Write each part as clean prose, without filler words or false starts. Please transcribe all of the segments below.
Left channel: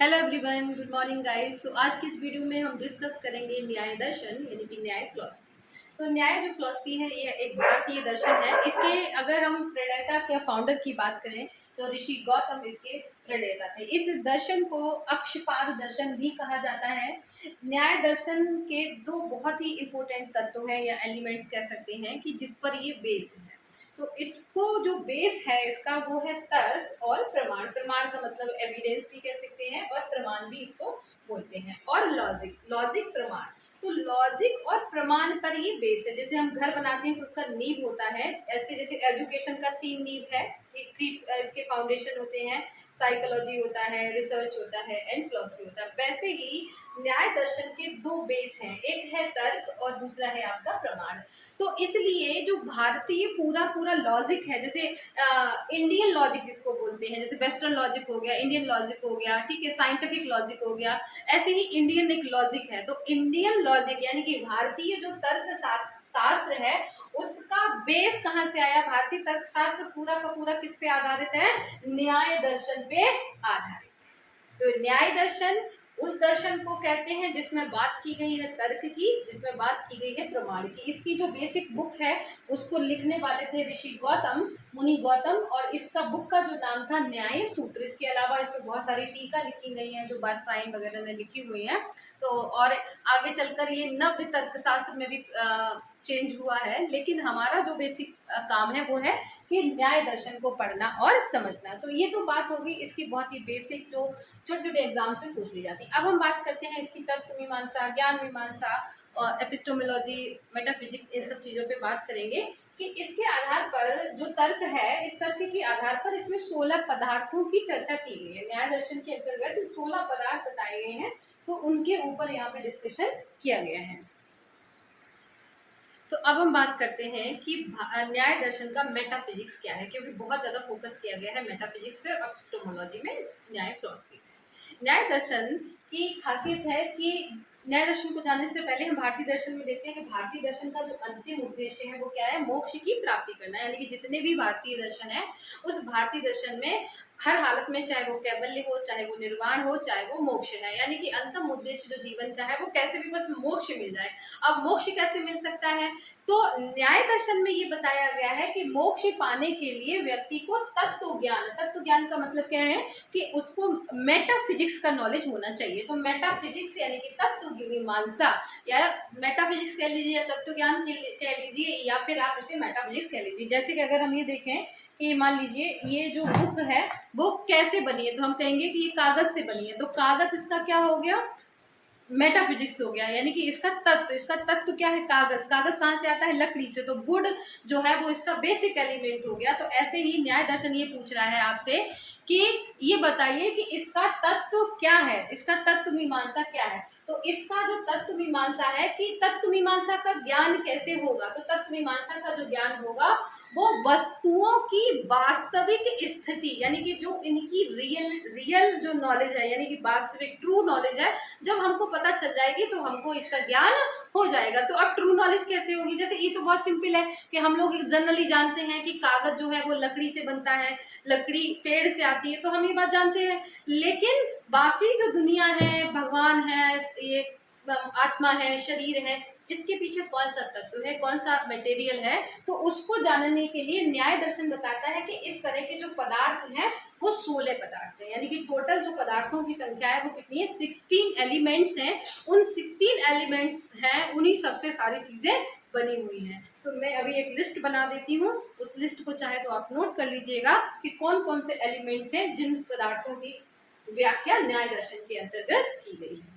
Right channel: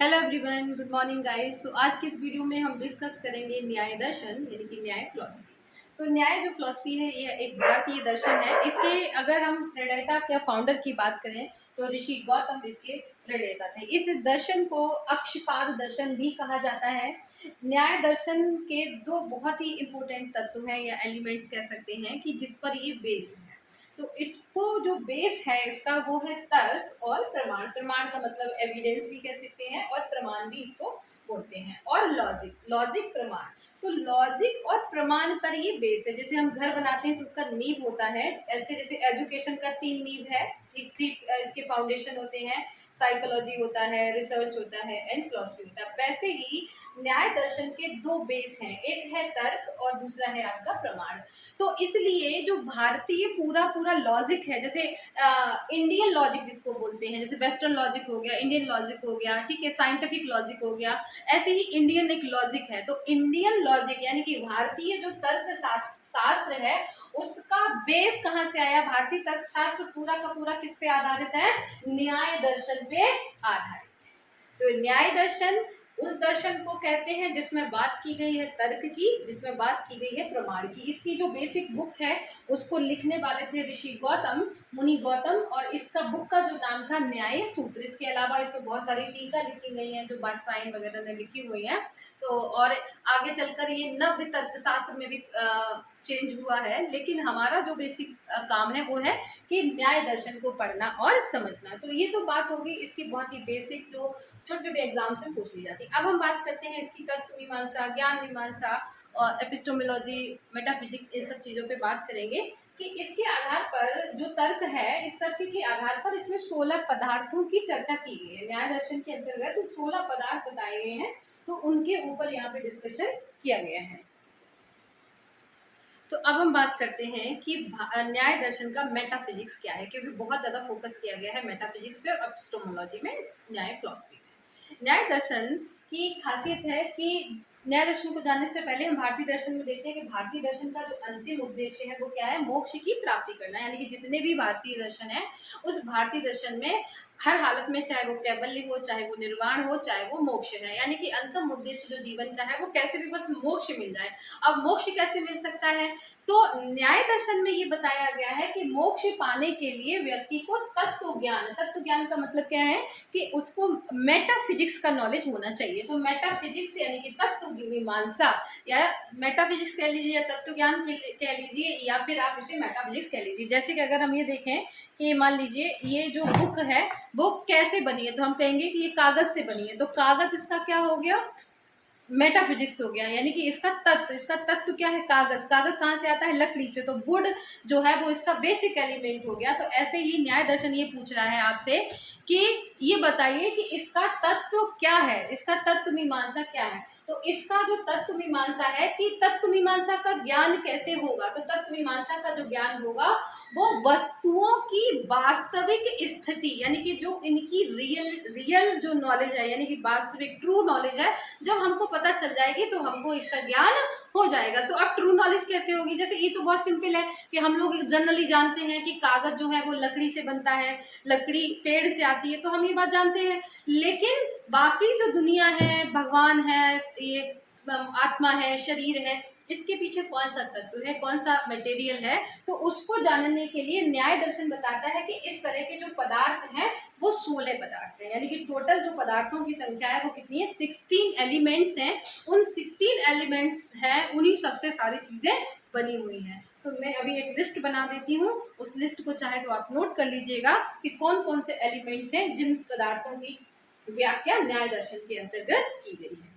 Hello everyone, good morning guys. So आज की इस वीडियो में हम डिस्कस करेंगे न्याय दर्शन यानी कि न्याय फिलॉसफी। न्याय जो फिलॉसफी है ये एक भारतीय दर्शन है। इसके अगर हम प्रणेता के फाउंडर की बात करें तो ऋषि गौतम इसके प्रणेता थे। इस दर्शन को अक्षपाद दर्शन भी कहा जाता है। न्याय दर्शन के दो बहुत ही इंपॉर्टेंट तत्व हैं या एलिमेंट्स कह सकते हैं कि जिस पर ये बेस है। तो इसको जो बेस है इसका वो है तर्क और प्रमाण। प्रमाण का मतलब एविडेंस भी कह सकते हैं और प्रमाण भी इसको बोलते हैं। और लॉजिक, लॉजिक प्रमाण। तो लॉजिक और प्रमाण पर ये बेस है। जैसे हम घर बनाते हैं तो उसका नींव होता है, ऐसे जैसे एजुकेशन का तीन नींव है, थ्री इसके फाउंडेशन होते हैं। साइकोलॉजी होता है, रिसर्च होता है एंड फिलॉसफी होता है। वैसे ही न्याय दर्शन के दो बेस हैं, एक है तर्क और दूसरा है आपका प्रमाण। तो इसलिए जो भारतीय पूरा पूरा लॉजिक है, जैसे इंडियन लॉजिक जिसको बोलते हैं, जैसे वेस्टर्न लॉजिक हो गया, इंडियन लॉजिक हो गया, ठीक है, साइंटिफिक लॉजिक हो गया, ऐसे ही इंडियन एक लॉजिक है। तो इंडियन लॉजिक यानी कि भारतीय जो तर्क शास्त्र है उसका बेस कहाँ से आया? भारतीय तर्क शास्त्र पूरा का पूरा किस पे आधारित है? न्याय दर्शन पे आधारित। तो न्याय दर्शन उस दर्शन को कहते हैं जिसमें बात की गई है तर्क की, जिसमें बात की गई है प्रमाण की। इसकी जो बेसिक बुक है उसको लिखने वाले थे ऋषि गौतम, मुनि गौतम, और इसका बुक का जो नाम था न्याय सूत्र। इसके अलावा इसमें बहुत सारी टीका लिखी गई हैं जो बादशाह वगैरह ने लिखी हुई हैं। तो और आगे चलकर ये नव्य तर्क शास्त्र में भी चेंज हुआ है, लेकिन हमारा जो बेसिक काम है वो है कि न्याय दर्शन को पढ़ना और समझना। तो ये तो बात होगी इसकी बहुत ही बेसिक, जो छोटे छोटे एग्जाम्स में पूछ ली जाती है। अब हम बात करते हैं इसकी तर्क मीमांसा, ज्ञान मीमांसा और एपिस्टोमोलॉजी, मेटाफिजिक्स, इन सब चीज़ों पे बात करेंगे कि इसके आधार पर जो तर्क है, इस तर्क के आधार पर इसमें 16 पदार्थों की चर्चा की गई है। न्याय दर्शन के अंतर्गत 16 पदार्थ बताए गए हैं, तो उनके ऊपर यहाँ पे डिस्कशन किया गया है। तो अब हम बात करते हैं कि न्याय दर्शन का मेटाफिजिक्स क्या है, क्योंकि बहुत ज्यादा फोकस किया गया है मेटाफिजिक्स पे और एपिस्टोमोलॉजी में, न्याय फिलॉसफी में। न्याय दर्शन की खासियत है कि न्याय दर्शन को जानने से पहले हम भारतीय दर्शन में देखते हैं कि भारतीय दर्शन का जो अंतिम उद्देश्य है वो क्या है? मोक्ष की प्राप्ति करना। यानी कि जितने भी भारतीय दर्शन है उस भारतीय दर्शन में हर हालत में, चाहे वो कैवल्य हो, चाहे वो निर्वाण हो, चाहे वो मोक्ष है, यानी कि अंतिम उद्देश्य जो जीवन का है वो कैसे भी बस मोक्ष मिल जाए। अब मोक्ष कैसे मिल सकता है? तो न्याय दर्शन में ये बताया गया है कि मोक्ष पाने के लिए व्यक्ति को तत्व ज्ञान, तत्व ज्ञान का मतलब क्या है कि उसको मेटाफिजिक्स का नॉलेज होना चाहिए। तो मेटाफिजिक्स यानी कि तत्व मीमांसा, या मेटाफिजिक्स कह लीजिए, तत्व ज्ञान कह लीजिए, या फिर आप इसे मेटाफिजिक्स कह लीजिए। जैसे कि अगर हम ये देखें कि मान लीजिए ये जो बुक है वो कैसे बनी है, तो हम कहेंगे कि ये कागज से बनी है। तो कागज इसका क्या हो गया? मेटाफिजिक्स हो गया। यानी कि इसका तत्व क्या है? कागज। कागज कहाँ से आता है? लकड़ी से। तो वुड जो है वो इसका बेसिक एलिमेंट हो गया। तो ऐसे ही न्याय दर्शन ये पूछ रहा है आपसे कि ये बताइए कि इसका तत्व क्या है, इसका तत्व मीमांसा क्या है। तो इसका जो तत्व मीमांसा है कि तत्व मीमांसा का ज्ञान कैसे होगा? तो तत्व मीमांसा का जो ज्ञान होगा वो वस्तुओं की वास्तविक स्थिति, यानी कि जो इनकी रियल जो नॉलेज है, यानी कि वास्तविक ट्रू नॉलेज है, जब हमको पता चल जाएगी तो हमको इसका ज्ञान हो जाएगा। तो अब ट्रू नॉलेज कैसे होगी? जैसे ये तो बहुत सिंपल है कि हम लोग जनरली जानते हैं कि कागज जो है वो लकड़ी से बनता है, लकड़ी पेड़ से आती है, तो हम ये बात जानते हैं। लेकिन बाकी जो दुनिया है, भगवान है, ये आत्मा है, शरीर है, इसके पीछे कौन सा तत्व है, कौन सा मटेरियल है, तो उसको जानने के लिए न्याय दर्शन बताता है कि इस तरह के जो पदार्थ हैं वो 16 पदार्थ हैं। यानी कि टोटल जो पदार्थों की संख्या है वो कितनी है? 16 एलिमेंट्स हैं। उन 16 एलिमेंट्स हैं, उन्हीं सबसे सारी चीजें बनी हुई हैं। तो मैं अभी एक लिस्ट बना देती हूँ, उस लिस्ट को चाहे तो आप नोट कर लीजिएगा कि कौन कौन से एलिमेंट्स हैं जिन पदार्थों की व्याख्या न्याय दर्शन के अंतर्गत की गई है।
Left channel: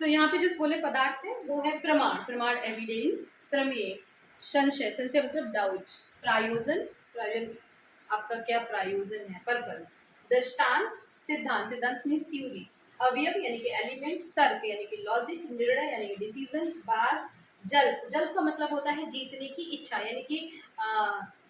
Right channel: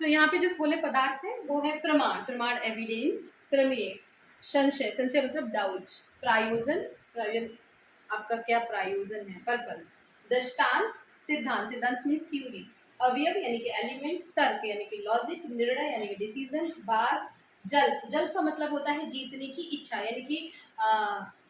तो यहाँ पे जो 16 पदार्थ है वो है प्रमाण, प्रमाण एविडेंस, प्रमेय, संशय, संशय मतलब डाउट, प्रायोजन, प्रायोजन आपका क्या प्रायोजन है, पर्पस, दृष्टांत, सिद्धांत, सिद्धांत मीन थ्योरी, अवयव यानी कि एलिमेंट, तर्क यानी कि लॉजिक, निर्णय यानी कि डिसीजन, बार, जल्प, जल्प का मतलब होता है जीतने की इच्छा, यानी कि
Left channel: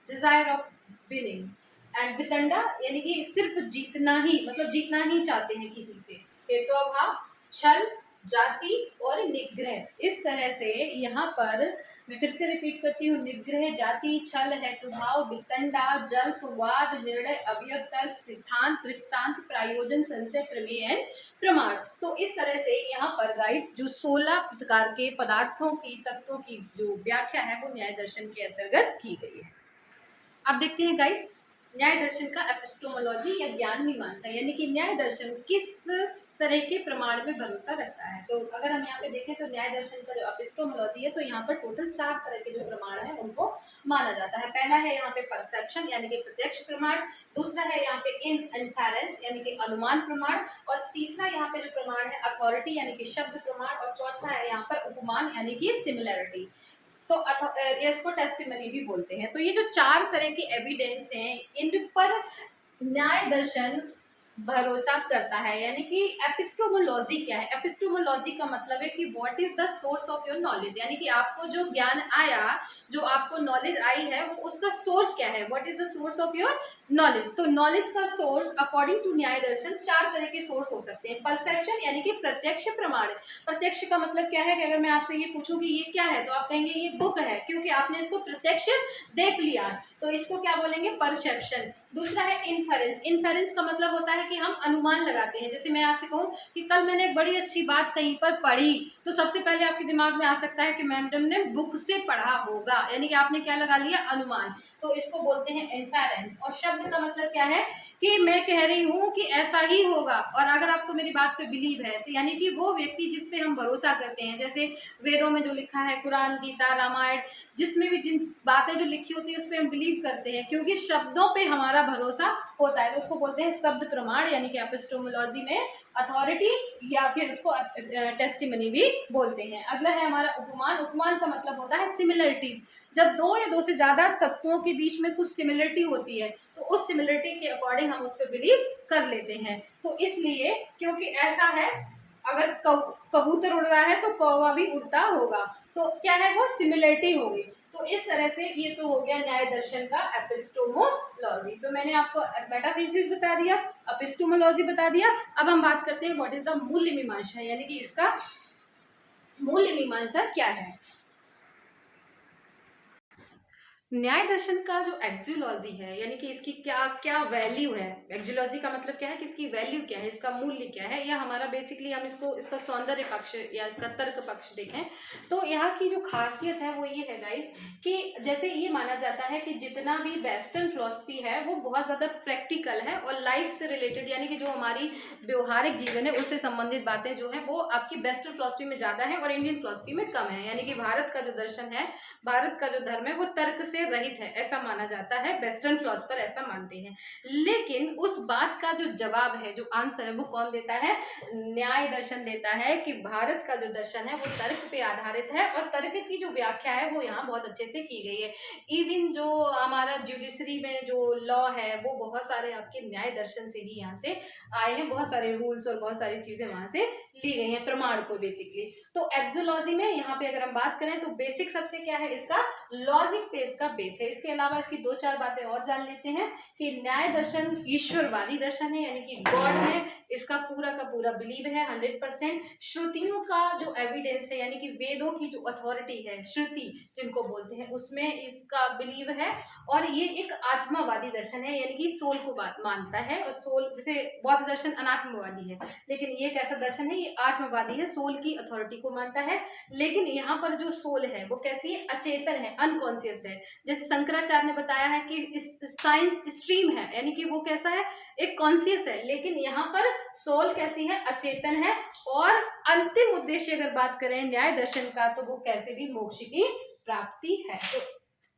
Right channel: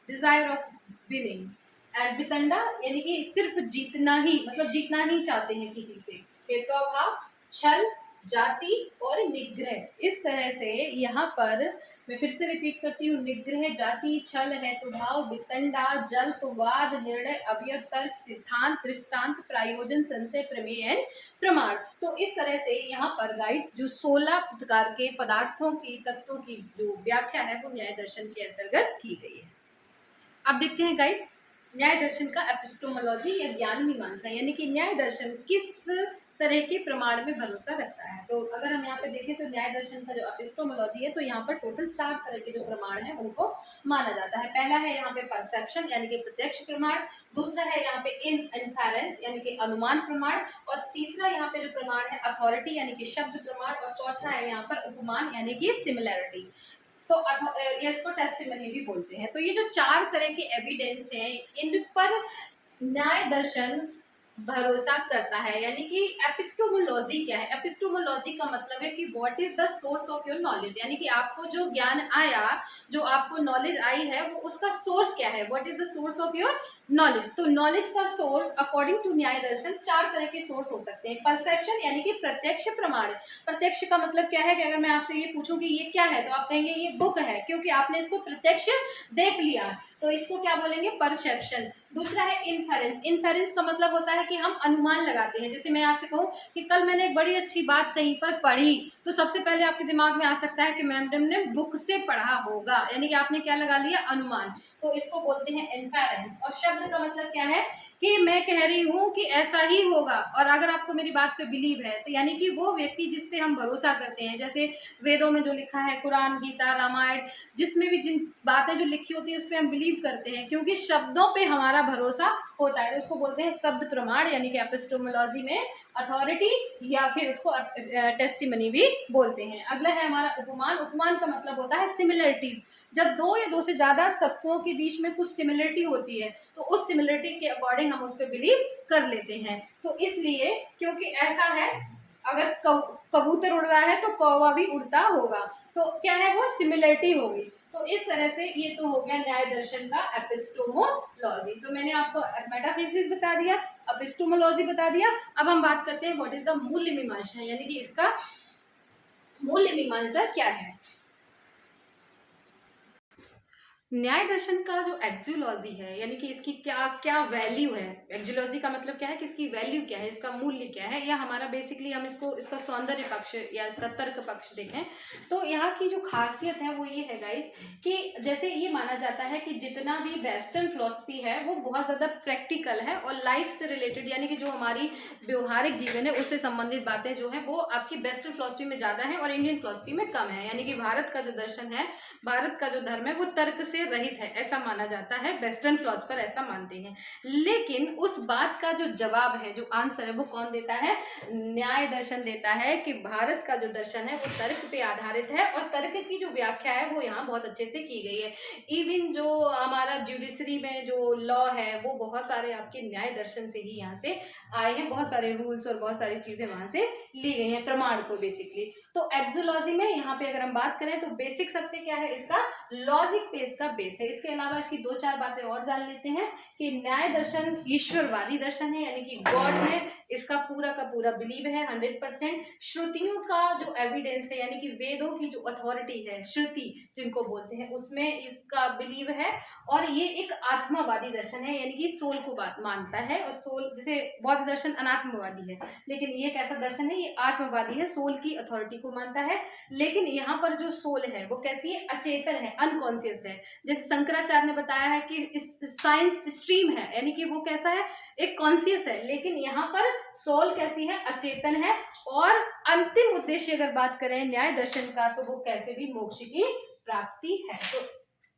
डिजायर ऑफ विनिंग, एंड वितंडा यानी कि सिर्फ जीतना ही, मतलब जीतना ही चाहते हैं किसी से, हेतुभाव, छल, जाति और निग्रह। इस तरह से यहाँ पर मैं फिर से रिपीट करती हूँ, निग्रह, जाति, छल, हेतुभाव, वितंडा, जल्प, वाद, निर्णय, अवयव, तर्क, सिद्धांत, दृष्टांत, प्रायोजन, संशय, प्रमेय एंड प्रमाण। तो इस तरह से यहाँ पर गाइस जो 16 प्रकार के पदार्थों की, तत्वों की जो व्याख्या है वो न्याय दर्शन के अंतर्गत की गई है। अब देखते हैं गाइस न्याय दर्शन का एपिस्टोमोलॉजी या ज्ञान मीमांसा, यानी कि न्याय दर्शन किस तरह के प्रमाण में भरोसा रखता है। तो अगर हम यहाँ पे देखें तो न्याय दर्शन का जो एपिस्टोमोलॉजी है, तो यहाँ पर टोटल 4 तरह के जो प्रमाण है उनको माना जाता है। पहला है यहाँ पे परसेप्शन यानी कि प्रत्यक्ष प्रमाण, दूसरा है यहाँ पे इनफेरेंस यानी कि अनुमान प्रमाण, और तीसरा यहाँ पे जो प्रमाण है अथॉरिटी यानी कि शब्द प्रमाण, और चौथा है यहाँ पर उपमान यानी कि सिमिलैरिटी। तो इसको टेस्टिमनी भी बोलते हैं। तो ये जो 4 तरह के एविडेंस हैं, इन पर न्याय दर्शन भरोसा करता है। यानी कि एपिस्टोमोलॉजी क्या है? एपिस्टोमोलॉजी का मतलब है कि what is the source of your knowledge, यानी कि आपको जो ज्ञान आया, जो आपको नॉलेज आई है, वो उसका सोर्स क्या है, what is the source of your knowledge. तो नॉलेज का सोर्स अकॉर्डिंग टू न्याय दर्शन 4 तरह के सोर्स हो सकते हैं। परसेप्शन यानी कि प्रत्यक्ष प्रमाण। प्रत्यक्ष का मतलब क्या है कि अगर मैं आपसे ये पूछूं कि ये क्या है, तो आप कहेंगे ये बुक है, क्योंकि आपने इसको प्रत्यक्ष देख लिया, तो इसको क्या बोलेंगे? परसेप्शन। दूसरा है इनफेरेंस। इनफेरेंस का मतलब होता है कि हम अनुमान लगाते हैं। जैसे मैं आपसे कहूँ कि कल मैंने एक बड़ी अच्छी बात कहीं पर पढ़ी, तो सबसे पहले आपके दिमाग में आ सकता है कि मैडम ने बुक से पढ़ा होगा, यानी कि आपने क्या लगा लिया? अनुमान। तो इसको बोलते हैं इनफेरेंस। और शब्द का मतलब क्या है कि मैं कह रही हूँ कि ऐसा ही होगा, और अगर आपको मेरी बात पे बिलीव है, तो यानी कि वो व्यक्ति जिस पे हम भरोसा करते हैं, जैसे वेदों में जो लिखा है, कुरान, गीता, रामायण, जिसमें भी जिन बातें जो लिखी होती है उस पर हम बिलीव करते हैं, क्योंकि शब्दों पे हमारा भरोसा होता है, तो उसको बोलते हैं शब्द प्रमाण यानी कि एपिस्टोमोलॉजी में अथॉरिटी, या फिर उसको टेस्टिमनी भी बोलते हैं। अगला है हमारा उपमान। उपमान का मतलब होता है सिमिलरिटीज। जब दो या दो से ज्यादा तत्वों के बीच में कुछ सिमिलरिटी होती है, तो उस सिमिलरिटी के अकॉर्डिंग हम उस पर बिलीव कर लेते हैं। तो इसलिए क्योंकि ऐसा है, अगर कबूतर उड़ रहा है तो कौवा भी उड़ता होगा, तो क्या है वो? सिमिलरिटी होगी। तो इस तरह से ये तो हो गया न्याय दर्शन का एपिस्टोमोलॉजी। तो मैंने आपको मेटाफिजिक्स बता दिया, एपिस्टोमोलॉजी बता दिया। अब हम बात करते हैं व्हाट इज द मूल्य मीमांसा, यानी कि इसका मूल्य मीमांसा क्या है। न्याय दर्शन का जो एक्जियोलॉजी है, यानी कि इसकी क्या क्या वैल्यू है। एक्जियोलॉजी का मतलब क्या है कि इसकी वैल्यू क्या है, इसका मूल्य क्या है, या हमारा बेसिकली हम इसको इसका सौंदर्य पक्ष या इसका तर्क पक्ष देखें, तो यहाँ की जो खासियत है वो ये है गाइस कि जैसे ये माना जाता है कि जितना भी वेस्टर्न फिलॉसफी है वो बहुत ज़्यादा प्रैक्टिकल है और लाइफ से रिलेटेड, यानी कि जो हमारी व्यवहारिक जीवन है उससे संबंधित बातें जो है वो आपकी वेस्टर्न फिलॉसफी में ज़्यादा है और इंडियन फिलॉसफी में कम है। यानी कि भारत का जो दर्शन है, भारत का जो धर्म है वो तर्क से रहित है, ऐसा माना जाता है, वेस्टर्न फिलोसफर ऐसा मानते हैं। लेकिन उस बात का जो जवाब है, जो आंसर है, वो कौन देता है? न्याय दर्शन देता है कि भारत का जो दर्शन है वो तर्क पे आधारित है और तर्क की जो व्याख्या है वो यहाँ बहुत अच्छे से की गई है। इवन जो हमारा जुडिशरी में जो लॉ है वो बहुत सारे आपके न्याय दर्शन से ही यहाँ से आए हैं, बहुत सारे रूल्स और बहुत सारी चीजें वहां से ली गई हैं प्रमाण को बेसिकली। तो एक्सोलॉजी में यहाँ पे अगर हम बात करें तो बेसिक सबसे क्या है, इसका लॉजिक पे इसका बेस है। इसके अलावा इसकी 2-4 बातें और जान लेते हैं कि न्याय दर्शन ईश्वरवादी दर्शन है, यानी कि गॉड में इसका पूरा का पूरा बिलीव है 100%। श्रुतियों का जो एविडेंस है, यानी कि वेदों की जो अथॉरिटी है, श्रुति जिनको बोलते हैं, उसमें इसका बिलीव है। और ये एक आत्मावादी दर्शन है, यानी कि सोल को बात मानता है, और सोल, जैसे बौद्ध दर्शन अनात्मवादी है, लेकिन ये कैसा दर्शन है? ये आत्मवादी है, सोल की अथॉरिटी को मानता है। लेकिन यहाँ पर जो सोल है वो कैसी है? अचेतन है, अनकॉन्शियस है। जैसे शंकराचार्य ने बताया है कि साइंस स्ट्रीम है, यानी कि वो कैसा है? एक कॉन्शियस है। लेकिन यहाँ पर सोल कैसी है? अचेतन है। और अंतिम उद्देश्य अगर बात करें न्याय दर्शन का, तो वो कैसे भी मोक्ष की प्राप्ति है। तो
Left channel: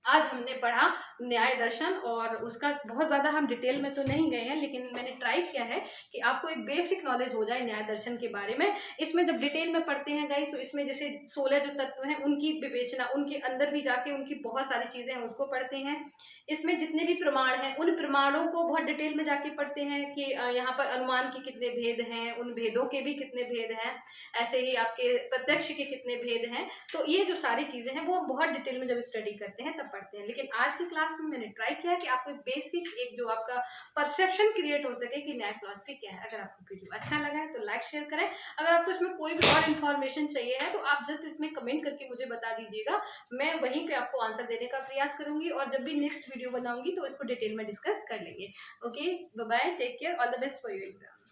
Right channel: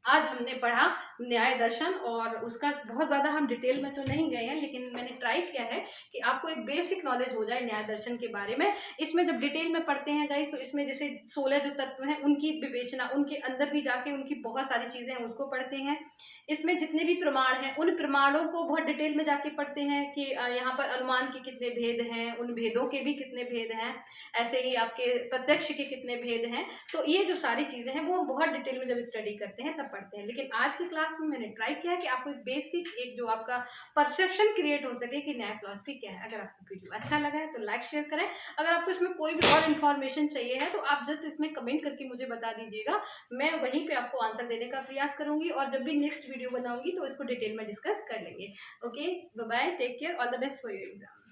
आज हमने पढ़ा न्याय दर्शन, और उसका बहुत ज़्यादा हम डिटेल में तो नहीं गए हैं, लेकिन मैंने ट्राई किया है कि आपको एक बेसिक नॉलेज हो जाए न्याय दर्शन के बारे में। इसमें जब डिटेल में पढ़ते हैं गाइस, तो इसमें जैसे 16 जो तत्व हैं उनकी विवेचना, उनके अंदर भी जाके उनकी बहुत सारी चीज़ें हैं उसको पढ़ते हैं। इसमें जितने भी प्रमाण हैं उन प्रमाणों को बहुत डिटेल में जाके पढ़ते हैं कि यहाँ पर अनुमान के कितने भेद हैं, उन भेदों के भी कितने भेद हैं, ऐसे ही आपके प्रत्यक्ष के कितने भेद हैं। तो ये जो सारी चीज़ें हैं वो बहुत डिटेल में जब स्टडी करते हैं तब पढ़ते हैं। लेकिन आज की क्लास में मैंने ट्राई किया है कि आपको एक बेसिक एक जो आपका परसेप्शन क्रिएट हो सके कि न्याय फिलॉसफी क्या है। अगर आपको वीडियो अच्छा लगा है तो लाइक शेयर करें। अगर आपको इसमें कोई भी और इन्फॉर्मेशन चाहिए है तो आप जस्ट इसमें कमेंट करके मुझे बता दीजिएगा, मैं वहीं पे आपको आंसर देने का प्रयास करूंगी और जब भी नेक्स्ट वीडियो बनाऊंगी तो इसको डिटेल में डिस्कस कर लेंगे। Okay, bye bye, take care, all the best for your exam.